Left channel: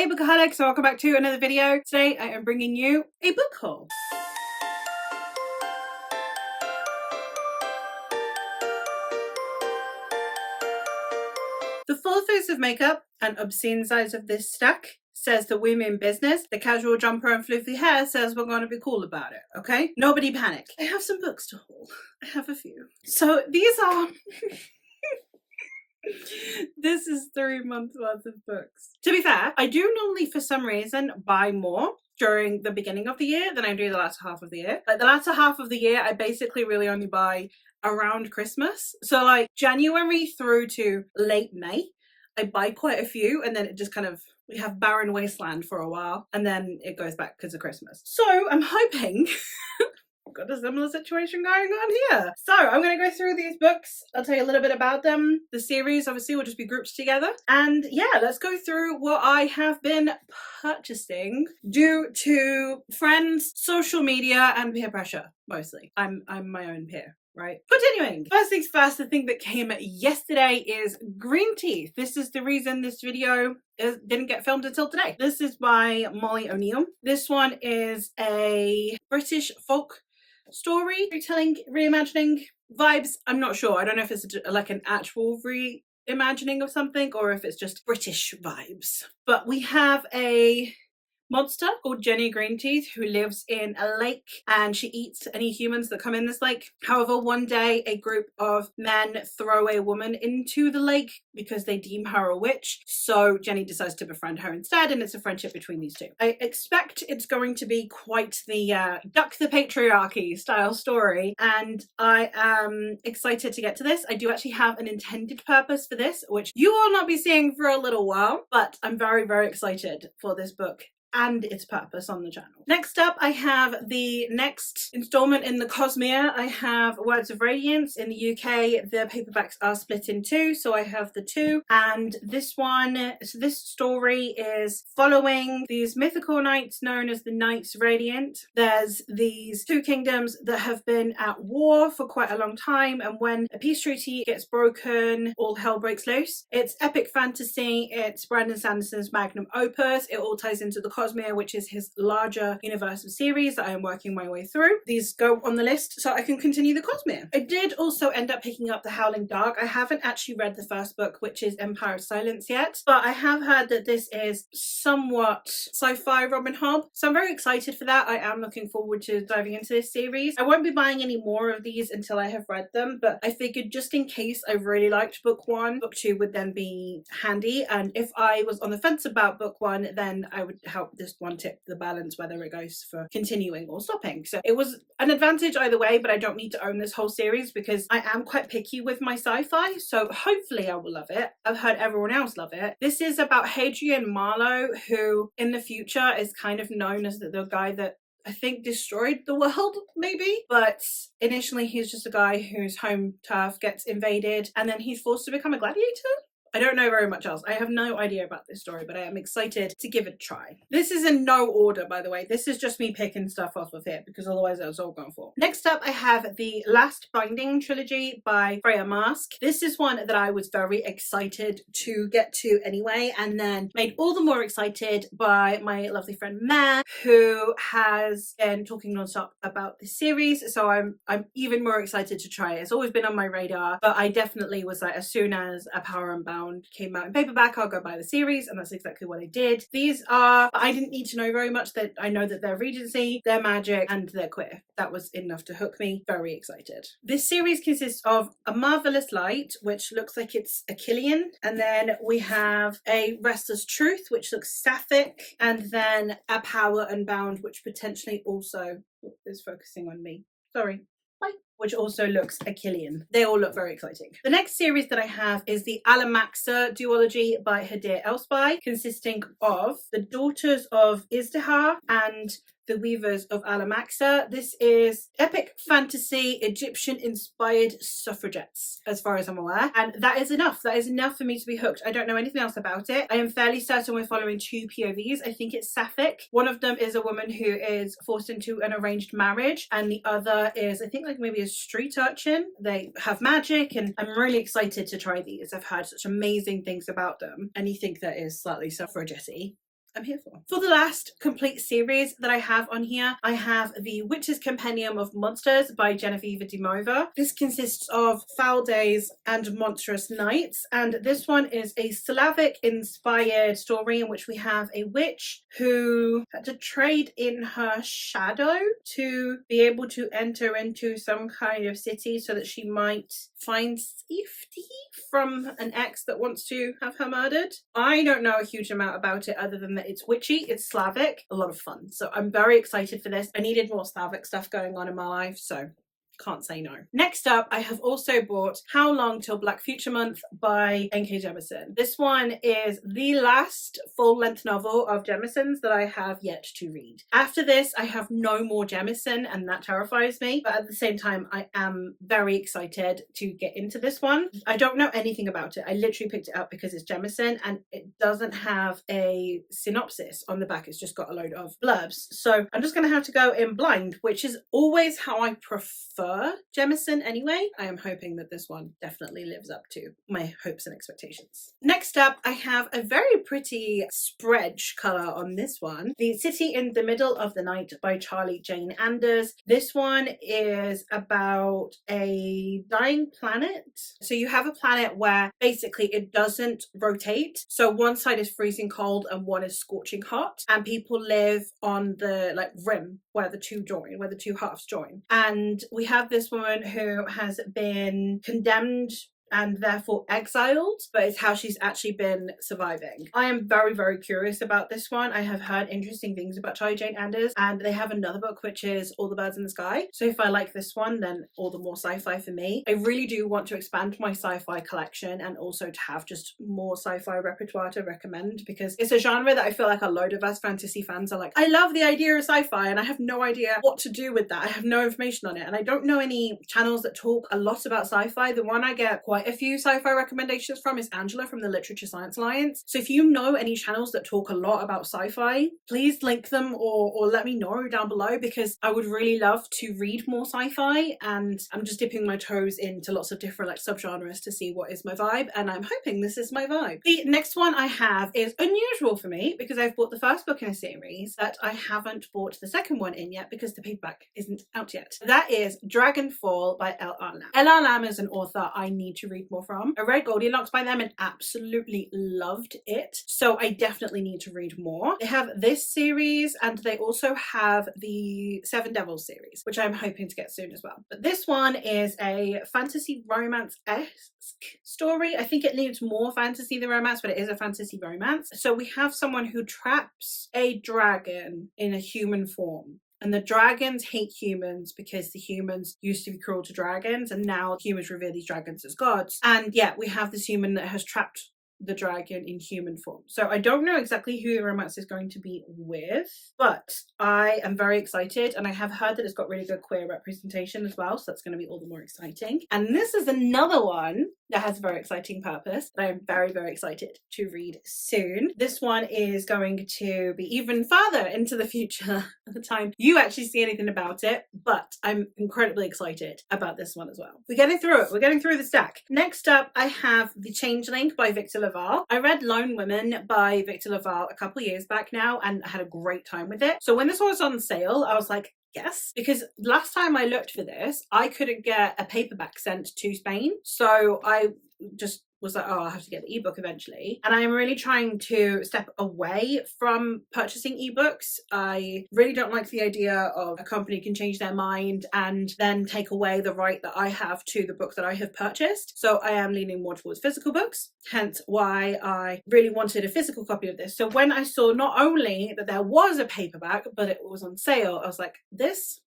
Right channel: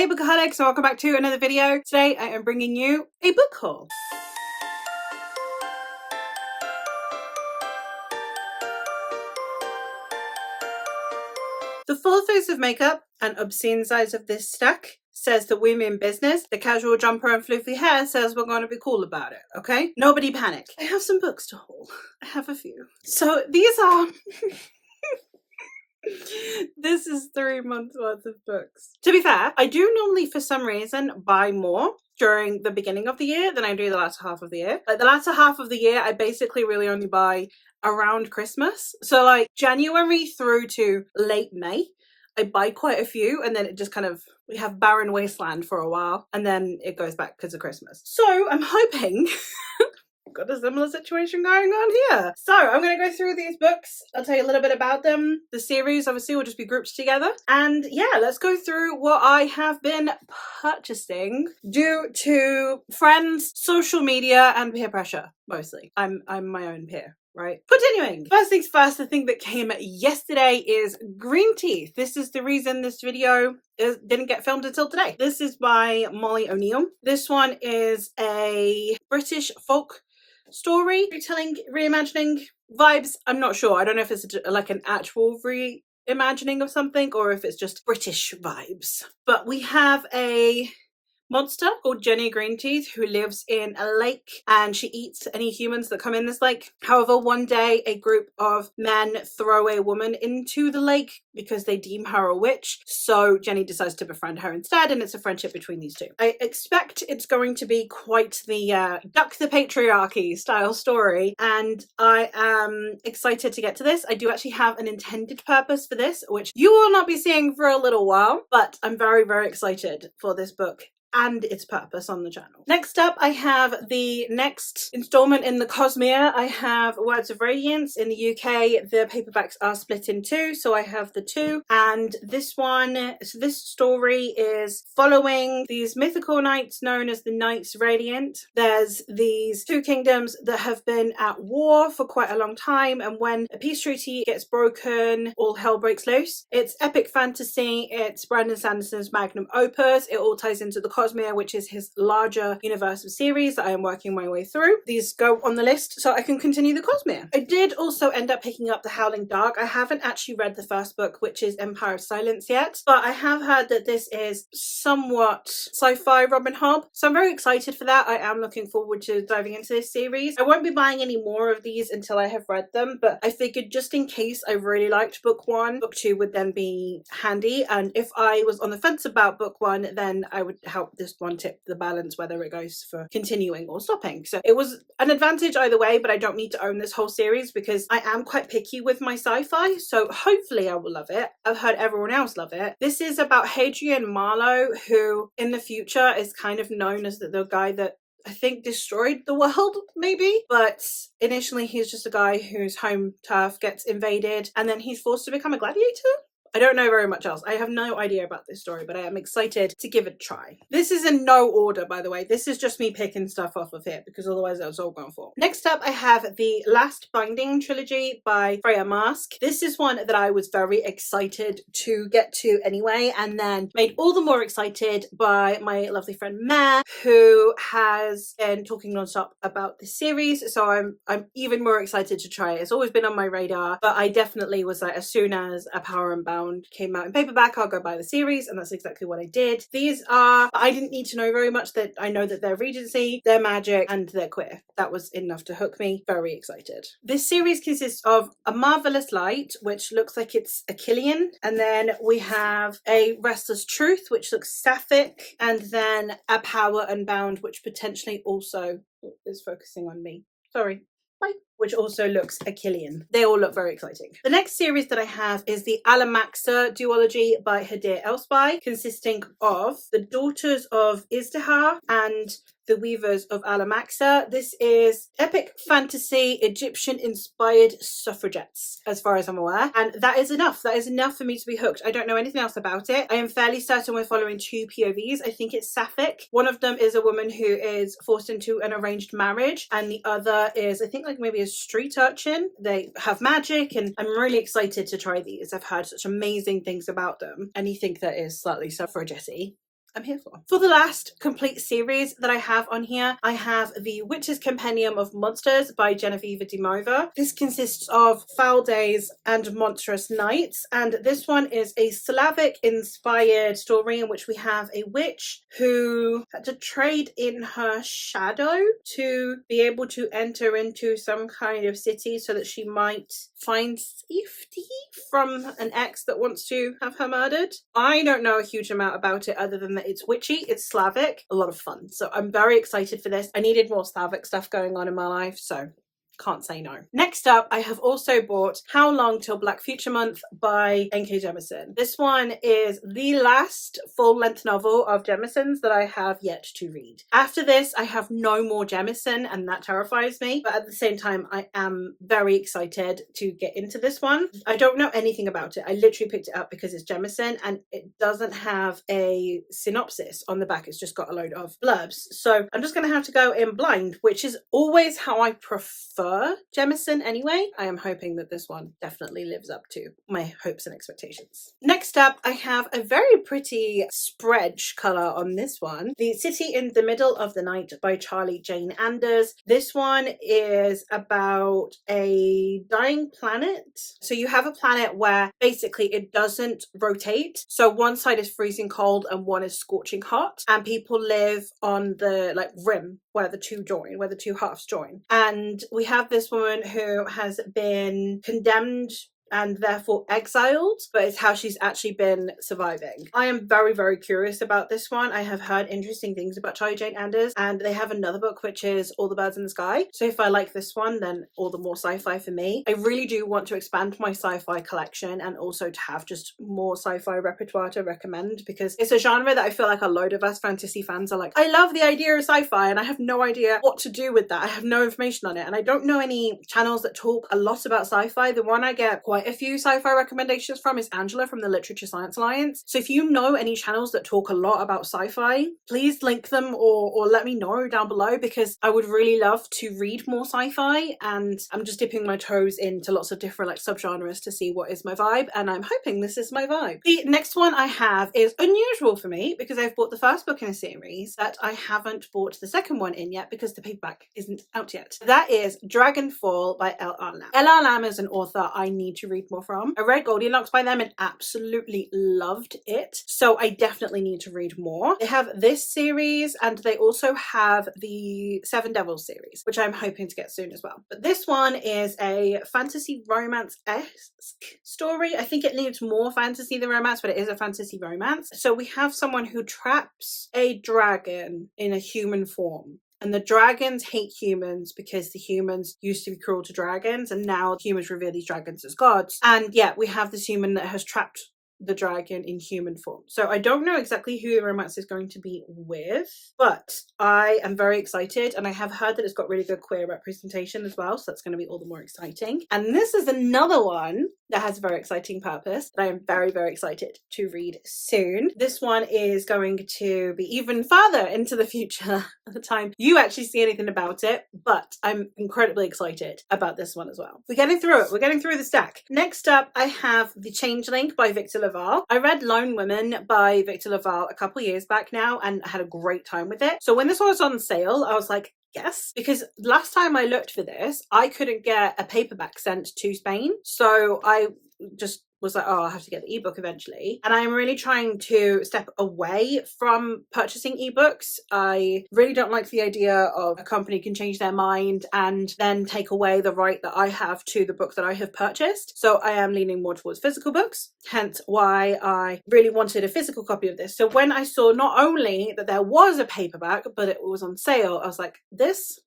Hey bookaholics, so welcome back to another video. Today I am bringing you a book haul. The full face of makeup and obscene size of this stack says the women business. The casual jumper and floofy hair says we're going to be cool about it, okay? Nobody panic. I have some books to haul. I have a few. So these are... This is 3 months worth of books. To be fair, I do normally, for some reason, buy more during the beginning of the year than I do the latter half of the year. Like the latter half of the year, I basically really only buy around Christmas. So like January through to late May, I buy quite a few, and then it just kind of, we have barren wasteland for a while, and then it goes back because of Christmas. So I'm hoping got a similar situation going on here. So I'm going to go through these books. I'll tell you a little bit about them. The series obviously will just be grouped together. And yeah, let's go through what I have been purchasing due to friends, social media, and peer pressure, mostly. I'm my own peer. Right. Continuing. First things first, the thing that came yesterday is Green Teeth. This is the reason this video didn't get filmed until today. This is by Molly O'Neill. This one is a British folk story, retelling, reimagining vibes. I'm not sure. I don't know if it's like an actual reimagining of something or if it's just British vibes. But we have a monster called Jenny Greenteeth who lives in a lake, and she eats any humans that come in this lake. However, one day a group of men throw a woman into the lake because they deem her a witch. So Jenny decides to befriend her instead, and it's a friendship between these two. I expect it's going to be quite the duck the patriarchy style story, and I am excited to get to this. I do actually have an intended purpose for this, which you will not be seeing for a little while, but I'm very, very excited for this book and its purpose on the channel. Next up, I have the next installment in the Cosmere. I have Words of Radiance. In the UK, the paperbacks are split in two, so I have the two. And this one, so this story is following these mythical knights known as the Knights Radiant. There's these two kingdoms that have been at war for quite a long time, and when a peace treaty gets broken, all hell breaks loose. It's epic fantasy. It's Brandon Sanderson's magnum opus. It all ties into the Cosmere, which is his larger universe of series that I am working my way through. These go on the list so I can continue the Cosmere. I did also end up picking up The Howling Dark. I haven't actually read the first book, which is Empire of Silence, yet, but I have heard that this is somewhat sci-fi Robin Hobb, so I'm very excited for that. I am looking forward to diving into this series. I won't be buying any more of these until I have read them, but I figured just in case I really liked book one, book two would then be handy, and if I was on the fence about book one, then I would help this one tip the balance whether it goes for continuing or stopping. So it was an advantage either way, but I don't need to own this whole series because I am quite picky with my sci-fi, so hopefully I will love it. I've heard everyone else love it. This is about Hadrian Marlowe, who in the future is kind of known as the guy that I think destroyed the world, maybe, but initially he's just a guy whose home turf gets invaded and then he's forced to become a gladiator. I don't know very much else. I have no idea about this story, but I am excited to give it a try. This is in no order, by the way. This is just me picking stuff off of here because otherwise that was all gone for. Next up, I have the Last Binding trilogy by Freya Marske. This is one that I was very excited to get to anyway, and then made all the more excited by my lovely friend Mare, who has been talking nonstop about this series. So I'm even more excited to try it. It's always been on my radar, but I definitely was like, as soon as A Power Unbound came out in paperback, I'll go buy the series, and that's exactly what I did. These are, I didn't need to know very much. That I know that they're Regency, they're magic, and they're queer. That was enough to hook me. Very excited. This series consists of A Marvelous Light, which looks like it's a Killian, and then we have A Restless Truth, which looks sapphic, and then A Power Unbound, which potentially also is focusing on me. Sorry. Bye. Which also looks a Killian. They all look very exciting. The next series that I have is the Alamaxa duology by Hadir Elspy, consisting of the Daughters of Izdihar and the Weavers of Alamaxa. This is epic fantasy, Egyptian-inspired suffragettes, as far as I'm aware. And that is enough. That is enough for me to be hooked. I don't know anything else about it. I am fairly certain we're following two POVs. I think it's sapphic. One of them is a woman who is forced into an arranged marriage, and the other is, I think, like maybe a street urchin. They have magic, and I'm really excited to try these. I've heard such amazing things about them. Anything that is slightly suffragette-y, I'm here for. For the last complete series that I have on here, I have The Witch's Compendium of Monsters by Genevieve de Mova. This consists of Foul Days and Monstrous Nights, and this one is a Slavic-inspired story in which we have a witch who had to trade in her shadow to be able to enter into some kind of city so that she might find safety from an ex that wants to have her murdered. I don't know a huge amount about it other than that it's witchy, it's Slavic, a lot of fun. So I'm very excited for this. I needed more Slavic stuff going on in my life, so can't say no. Next up, I have also bought How Long Till Black Future Month by N.K. Jemisin. This one is the last full-length novel of Jemison's that I have yet to read. After this, I have no more Jemisin, and that terrifies me. But at the same time, I am very excited to get into this one. I don't know anything about it. I literally picked it up because it's Jemisin, and it doesn't have a synopsis on the back. It's just got a load of blurbs. So I'm just going to have to go in blind, which is always how I prefer Jemisin anyway. I am hoping that this one definitely lives up to my hopes and expectations. Next up, I have a very pretty spread colour on this one. The City in the Middle of the Night by Charlie Jane Anders. This one is about a dying planet. So you have a planet where basically it doesn't rotate. So one side is freezing cold and one is scorching hot. And people live on the rim where the two halves join. And we have this woman who has been condemned and therefore exiled, but it's how she's actually been surviving. I am very, very curious about this one. I have heard interesting things about Charlie Jane Anders, and they have another book which is All the Birds in the Sky. So if I like this one, then all the more sci-fi for me. I really do want to expand my sci-fi collection and also to have just more sci-fi repertoire to recommend, because it's a genre that I feel like a load of us fantasy fans are like, I love the idea of sci-fi and I have no idea what to do with that. I have no information on it, and I don't know any channels that talk a lot about sci-fi. The one I get quite a few sci-fi recommendations from is Angela from the Literature Science Alliance. So if you know any channels that talk a lot about sci-fi, please link them or let me know down below, because I would really love to read more sci-fi, and I'm just dipping my toes into lots of different subgenres to see what is my vibe, and I'm hoping this is my vibe. The next one I have is unusual for me because I've bought the first book in a series, but I haven't bought the second one in yet because the paperback isn't out yet. That is Dragonfall by L.R. Lamb. L.R. Lamb is an author I need to read more from. I read Goldilocks by them and absolutely loved it, so I definitely need to read more. They have this series and they also have the Seven Devils series, which I'm hoping to get soon as well. But this one is a fantasy romance-esque story. I think it needs more fantasy than romance, but it is a fantasy romance. So we have someone who traps a dragon in a human form. And the dragons hate humans because the humans used to be cruel to dragons, and now humans revere these dragons as gods. And yeah, we have this human that has trapped the dragon in human form. So I don't know exactly who the romance is going to be with, but I am very excited, and I have heard that it's got really good queer representation as well, so that's going to be all the more exciting. And this is another one that has a very exciting purpose that I am very, very excited to read soon. This one is going to be even further into the future at the time you actually see anything about it, but I'm incredibly excited about this one as well. We're getting through it. We're getting through the stack. Next up, I have The Changeling by Victor Laval. I read Lone Women by Victor Laval a couple years back now and had a great time with it. So when this was on sale, I was like, yes, because last time I looked for this, I couldn't get a paperback sent to Spain. So I just was like, oh, I have to get the ebook eventually. And I'm really trying to step away from purchasing ebooks. I really don't like the idea of a company can change their mind and then take away the right that I have to the book that I have purchased. So I am leaning more towards physical books, hence why I really wanted a physical copy of this. So when I saw not only that there was a paperback, but it was on sale, I was like, this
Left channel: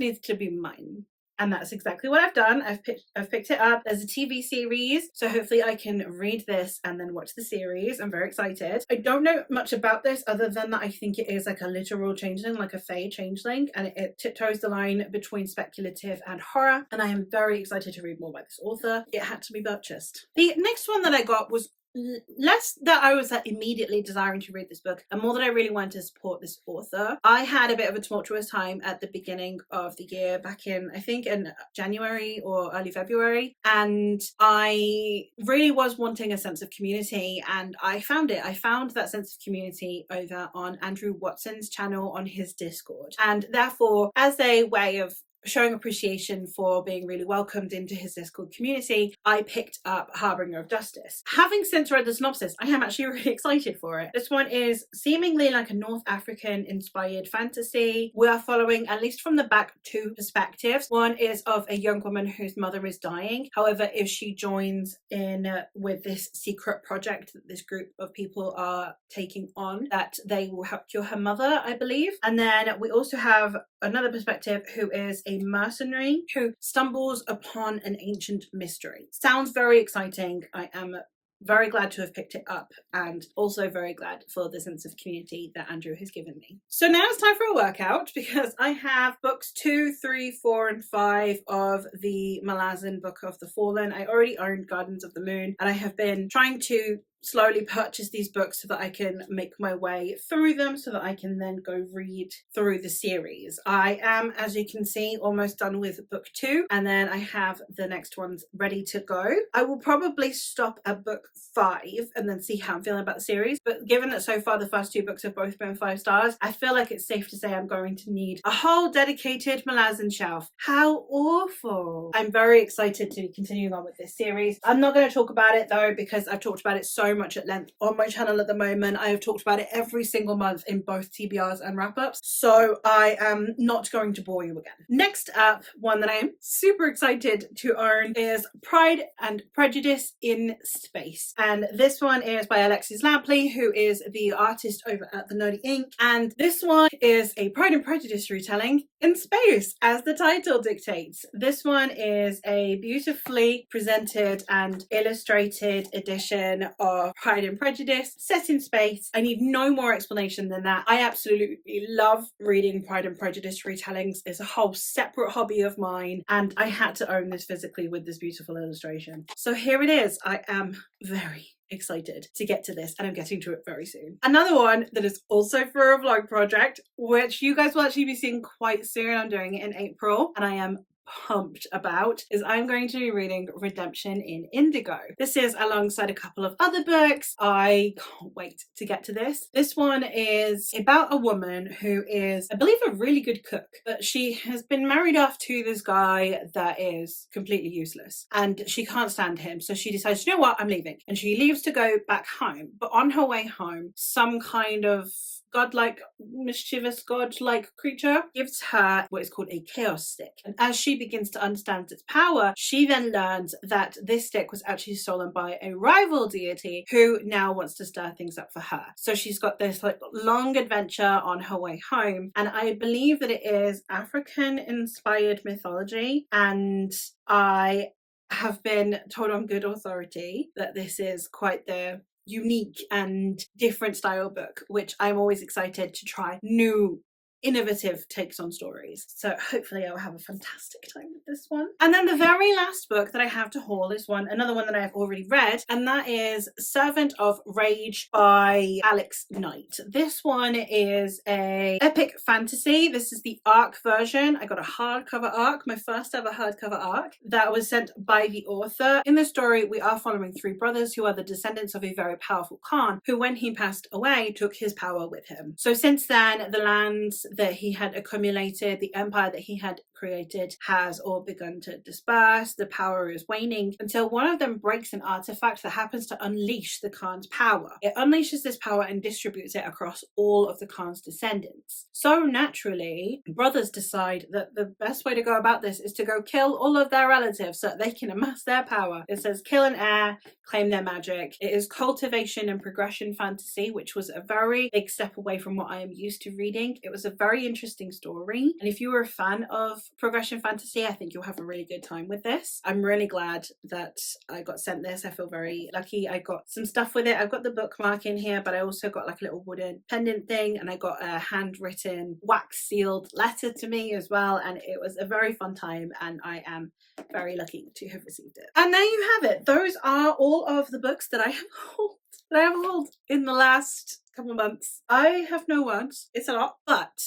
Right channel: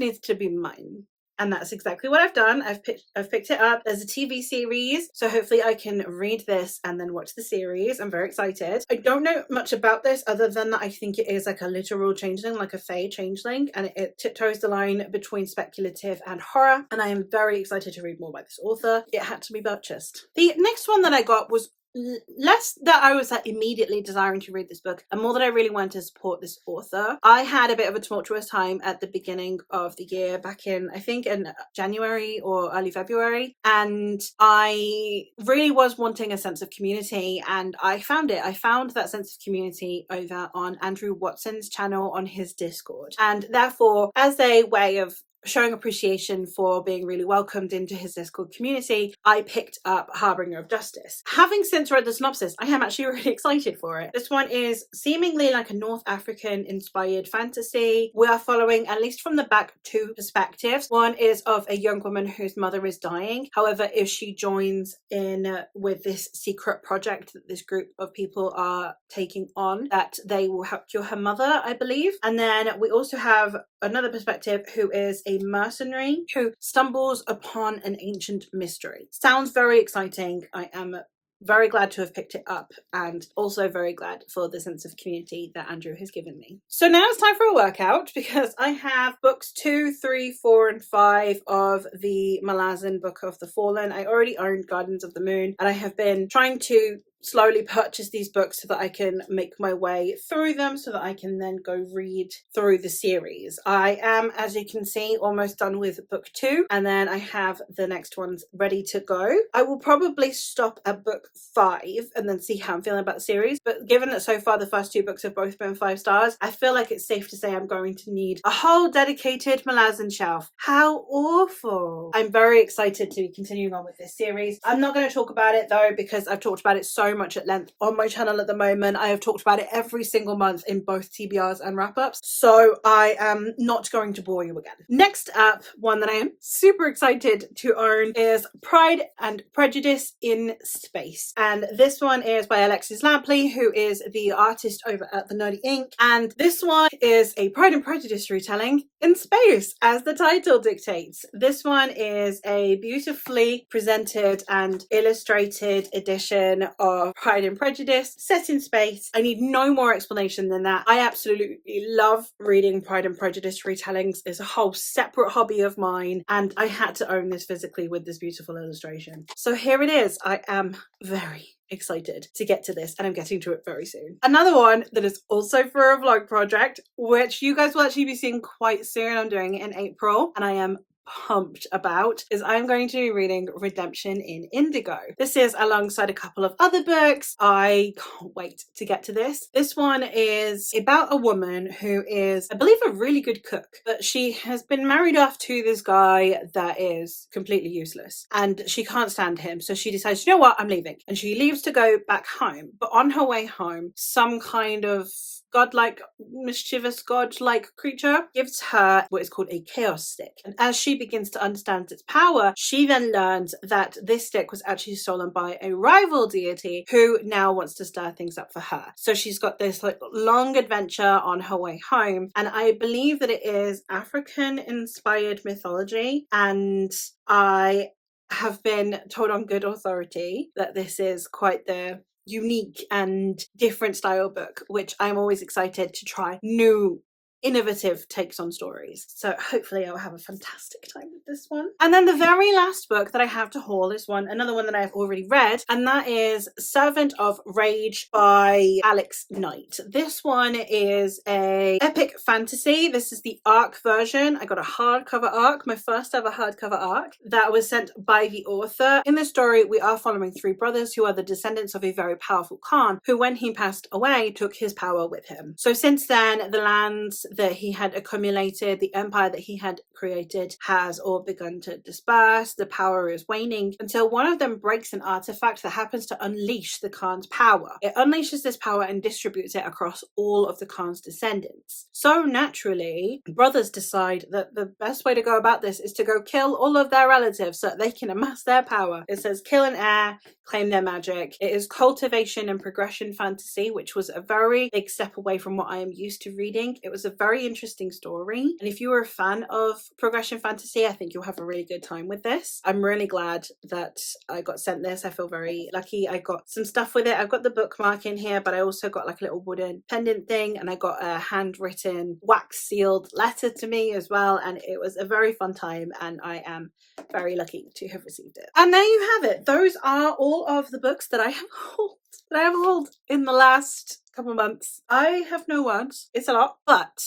needs to be mine. And that's exactly what I've done. I've picked it up. There's a TV series, so hopefully I can read this and then watch the series. I'm very excited. I don't know much about this other than that I think it is like a literal changeling, like a fae changeling, and it tiptoes the line between speculative and horror, and I am very excited to read more by this author. It had to be purchased. The next one that I got was less that I was like immediately desiring to read this book, and more that I really wanted to support this author. I had a bit of a tumultuous time at the beginning of the year, back in, I think, in January or early February, and I really was wanting a sense of community, and I found it. I found that sense of community over on Andrew Watson's channel on his Discord, and therefore, as a way of showing appreciation for being really welcomed into his Discord community, I picked up Harbinger of Justice. Having since read the synopsis, I am actually really excited for it. This one is seemingly like a North African inspired fantasy. We are following, at least from the back, two perspectives. One is of a young woman whose mother is dying. However, if she joins in with this secret project that this group of people are taking on, that they will help cure her mother, I believe. And then we also have another perspective who is a mercenary who stumbles upon an ancient mystery. Sounds very exciting. I am very glad to have picked it up, and also very glad for the sense of community that Andrew has given me. So now it's time for a workout, because I have books 2, 3, 4, and 5 of the Malazan Book of the Fallen. I already owned Gardens of the Moon, and I have been trying to slowly purchase these books so that I can make my way through them, so that I can then go read through the series. I am, as you can see, almost done with book 2, and then I have the next ones ready to go. I will probably stop at book 5 and then see how I'm feeling about the series, but given that so far the first 2 books have both been 5 stars, I feel like it's safe to say I'm going to need a whole dedicated Malazan shelf. How awful. I'm very excited to continue on with this series. I'm not going to talk about it though, because I've talked about it so much at length on my channel at the moment. I have talked about it every single month in both TBRs and wrap-ups, so I am not going to bore you again. Next up, one that I am super excited to own is Pride and Prejudice in Space, and this one is by Alexis Lampley, who is the artist over at the Nerdy Ink, and this one is a Pride and Prejudice retelling in space, as the title dictates. This one is a beautifully presented and illustrated edition of Pride and Prejudice set in space. I need no more explanation than that. I absolutely love reading Pride and Prejudice retellings. It's a whole separate hobby of mine, and I had to own this physically with this beautiful illustration. So here it is. I am very excited to get to this, and I'm getting to it very soon. Another one that is also for a vlog project, which you guys will actually be seeing quite soon. I'm doing it in April, and I am pumped about, is I'm going to be reading Redemption in Indigo. This is alongside a couple of other books. I can't wait to get to this. This one is about a woman who is, I believe, a really good cook, but she has been married off to this guy that is completely useless, and she can't stand him, so she decides, you know what, I'm leaving, and she leaves to go back home. But on her way home, some kind of godlike, mischievous godlike creature gives her what is called a chaos stick, and as she begins to understand its power, she then learns that this stick was actually stolen by a rival deity who now wants to stir things up for her. So she's got this like long adventure on her way home, and I believe that it is African inspired mythology, and I have been told on good authority that this is quite the unique and different style book, which I'm always excited to try new innovative takes on stories. So hopefully I'll have a fantastic time with this one. And then the very last book that I have to haul is another one that I've already read, and that is Servant of Rage by Alex Knight. This one is a epic fantasy. This is the ARC version. I got a hardcover ARC, my first ever hardcover ARC, that was sent by the author. In the story, we are following 3 brothers who are the descendants of a very powerful Khan, who when he passed away took his power with him. So since then, the lands that he had accumulated, the empire that he had created, has all begun to disperse. The power is waning until one of them breaks an artifact that happens to unleash the Khan's power. It unleashes this power and distributes it across all of the Khan's descendants. So naturally, brothers decide that the best way to go about this is to go kill all of their relatives so that they can amass their power. It says kill an heir, claim their magic. It is cultivation and progression fantasy, which was a very big step away from what I am used to reading. It was a very interesting story, and if you were a fan of progression fantasy, I think you'll have a really good time with this. I'm really glad that I got sent this. I feel very lucky. I got some stuff with it. I've got the bookmark in here, but I also got like a little wooden pendant thing, and I got a handwritten wax sealed letter to me as well, and it was a very fun time, and I am very lucky to have received it. And there you have it. Those are all of the books that I have hauled in the last couple months. I have no words. It's a lot, but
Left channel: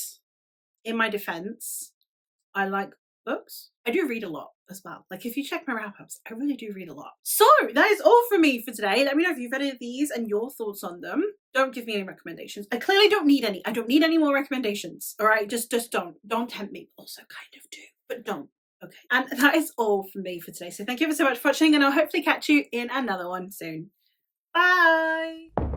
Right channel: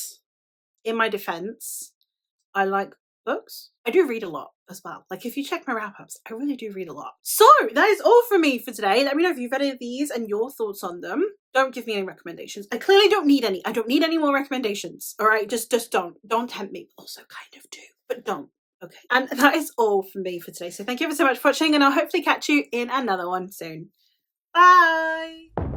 in my defense, I like books. I do read a lot as well. Like, if you check my wrap-ups, I really do read a lot. So that is all from me for today. Let me know if you've read any of these and your thoughts on them. Don't give me any recommendations. I clearly don't need any. I don't need any more recommendations. All right, just don't tempt me. Also kind of do, but don't. Okay. And that is all from me for today. So thank you ever so much for watching, and I'll hopefully catch you in another one soon. Bye.